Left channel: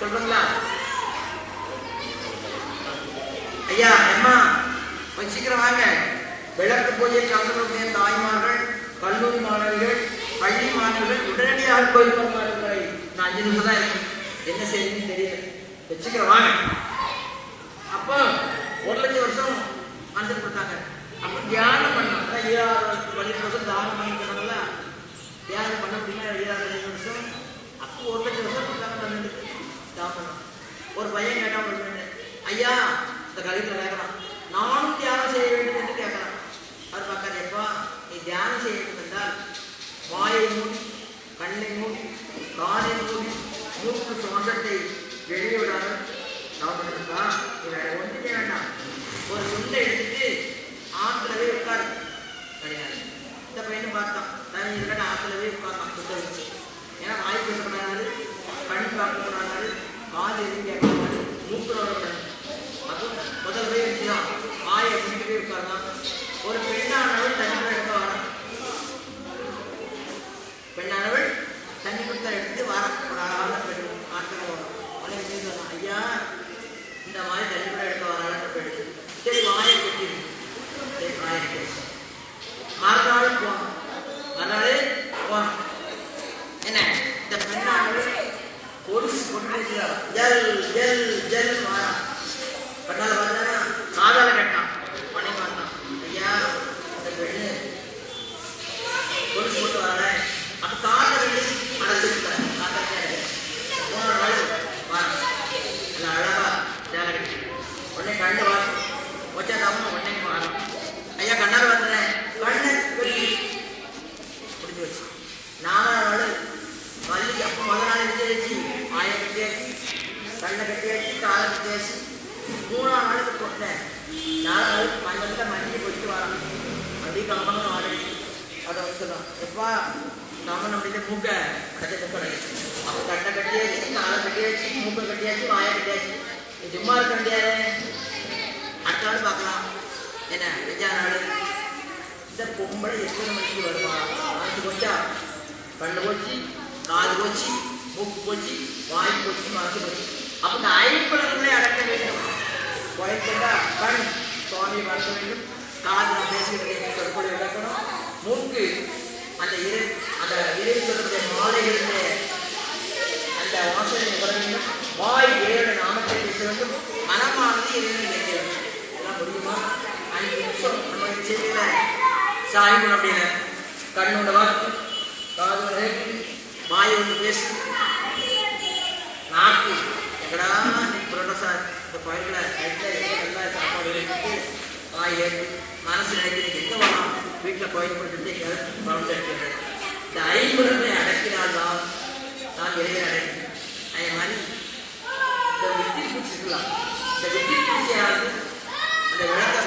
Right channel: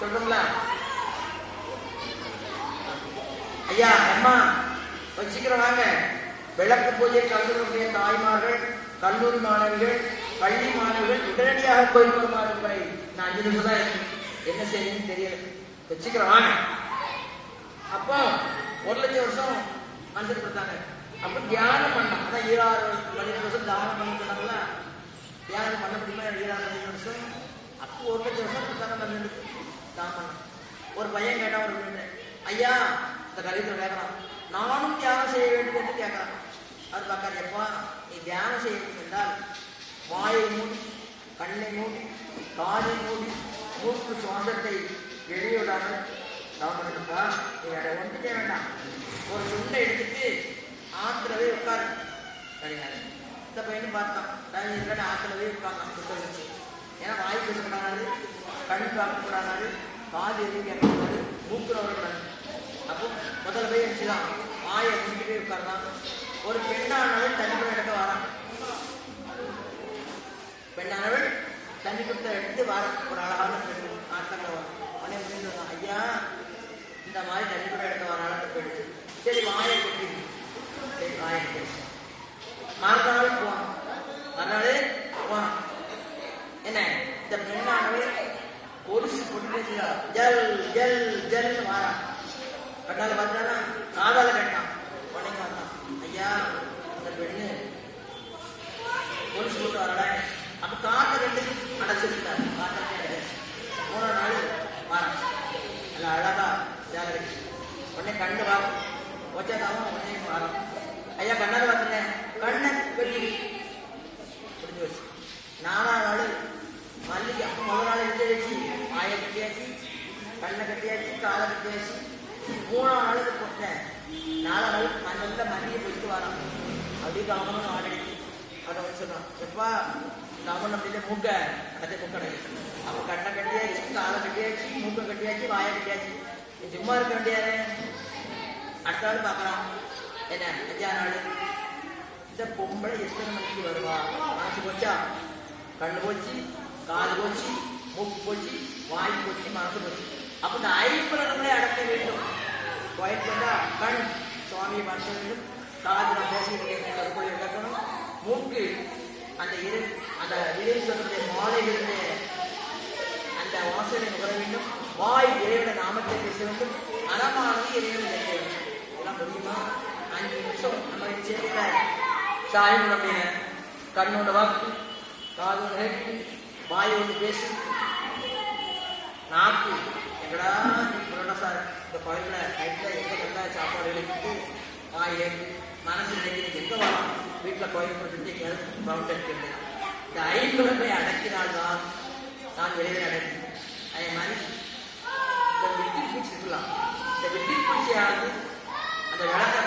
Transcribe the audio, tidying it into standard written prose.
சொல்றீங்களா? ஐயா அம்மா கொஞ்சம் சீக்கிரம் வாங்க. விளக்கு பூஜை கலந்துடைய தாய்மார்கள், கல்லூரி மாணவர்கள், பள்ளி மாணவர்கள் உடனடியாக கோயில் பெருமாள்களை நான் 5 நிமிஷம் தான் இருக்கு, என்ன செய்யுன்னு தெரியல, வச்சுக்கிறேன் வாங்க. அப்போ 1,00,000 வருஷம் மனசுக்கு கொடுத்தாங்க. அப்போ தியானம் பண்ணோம். அதான் 12 வருஷம் தியானம் பண்ணிக்கிறாங்களா, தியானம் பண்ண முடியுமா? 12 வருஷம். அப்போ 1,00,000 வருஷம் தியானம் பண்ணிட்டு தியானம் பண்ணோம். ஒரு பையன் கேட்டான், ஒரு பெண்ணு, ஐயா இந்த கலியத்தில் கேட்கலாம், நானும் தியானம் செய்ய வேண்டும் என்று கேட்கலாம். அவர் பார்க்காது, எப்பா நீ தியானம் செய்ய வேண்டும் என்றால் வாயை மூடி, கண்ணை மூடி, காதை மூடி, மூக்கு சுவாசத்தை வெளியிடாமல் கவனிப்பா. நீ வேற ஒன்றுமே வேண்டாம், ஒரு துண்டை எடுத்துட்டு ஆற்றுலவே உட்காரு கிடையாது. இந்த பையனும் பார்த்தான், தனி இருக்க ஆற்றுலவே உட்கார்ந்தான் துண்டை வச்சு. ஏன்னா வாய் பேசக்கூடாது, கண் பார்க்கக்கூடாது, காது எதுவும் கேட்கக்கூடாது, மூக்கு வரக்கூடாது. அப்போ முதல்ல போய் வச்சுதான் வாயை முடிக்கவே உட்கார்ந்தான். ஒரு பெண்ணானவள் தண்ணி எடுக்க வரான். பெண்ணானவள் தண்ணி கொடுத்த எடுத்து வர ஒரு அழகான பெண் ஆட்டங்க வரும். உடனே சொன்னான், ஐயா இந்த மாதிரி தண்ணி கூட எடுக்க வர அளவுக்கு எடுத்து, சரி வாயை கட்டி, சரி வாயை கட்டி. மறுநாள் போவான், மறுநாள் போவான். என்ன இந்த பெண்ணானவள் பொடிசு கொண்டு ஜல் ஜல் ஜல் வாரா. கட்டால பார்த்தா காதால கட்டான். உடனே பார்த்தான், ஐயா இந்த பெண்ணு பொடிசு போட்டு வர. அப்போ காதை ரெண்டு அடைச்சிருக்காரு. காதை 3 நாள் வாரா, நல்லா அழகா சேலை கட்டி. உடனே கண்ணு வாரம் வச்சாதாம உடனே வாரம். ஐயா கண்ணால் பார்த்துறேன், கண்ணை கட்டி முடிஞ்சு வச்சு. 4ஆம் நாள் மல்லிகை. அப்போ முதல் நாள் எடுத்து வாயை கட்டியாச்சு, கண்ணை கட்டியாச்சு, காலை கட்டியாச்சு. 3ஆம் நாளுக்கு போட்டேன். 4ஆம் நாள் மஞ்சள் மல்லிகை போயிட்டு வரான். அப்படியே கவனம் ஆடடிச்சு. அதை வந்து சொல்லுவான், எப்பா நாம அப்படியே மூக்கை அடைச்சி மூக்கை அடைச்சி. அப்போ கண்ணை கட்டியாச்சு, காலை கட்டியாச்சு, மூக்கை கட்டியாச்சு, வாயை கட்டியாச்சு. நீ சும்மா இருக்க வேண்டியாது. அடுத்த நாள் பார்க்கலாம். என்ன 5ஆம் நாள் இந்த பொம்பளை எத்தனை மணிக்கு வருவா? மனசு போச்சா, கண்ணு போச்சு, காது போச்சு, மூக்கு போச்சு, வாய் போச்சு, மனசு போச்சு. அப்போ இந்த 5 புலன்களை அடக்க வேண்டும். கோயில் கொண்டா கண் சுவாமியை வளர்க்க வேண்டும், காது நான் பேசுகிறேன் சொற்கொலை விளக்கணும், மூக்கு அந்த இறை சொல்லக்கூடிய மாலைகளுடைய அந்த வாசனை உற வேண்டும், வாய் இறைவனுடைய நாமத்தை பேச வேண்டும், மனமானது இறைவனை நினைக்க வேண்டும். எல்லாம் முடியுமா? 5 நிமிஷம் நம்ம சேர்க்கல சாயணும் அப்படின்னு கண்ணோட வாக்கு, காதோட கேட்கு, வாய் ஒன்று பேசு, நாக்கு எங்கடா நீ புரோட்டா சார் இந்த கோயிலில் கைட்டில் எங்கே வெங்காய சாப்பாடு எடுத்துட்டு வாய் ஏற்று மனசு நினைக்கிறீங்க எங்கே வரலாம், வீட்டில் கோயில் போட்டு எங்கேயாவது பவுண்ட் எடுக்கிறது. இந்த 5 புலன்களை அடக்கினால்தான் நான் இறைவனை அடக்கி. அதே மாதிரி இந்த வித்தி பூச்சி இருக்கலாம், இந்த வித்தி பூச்சியாவது அந்த விளக்க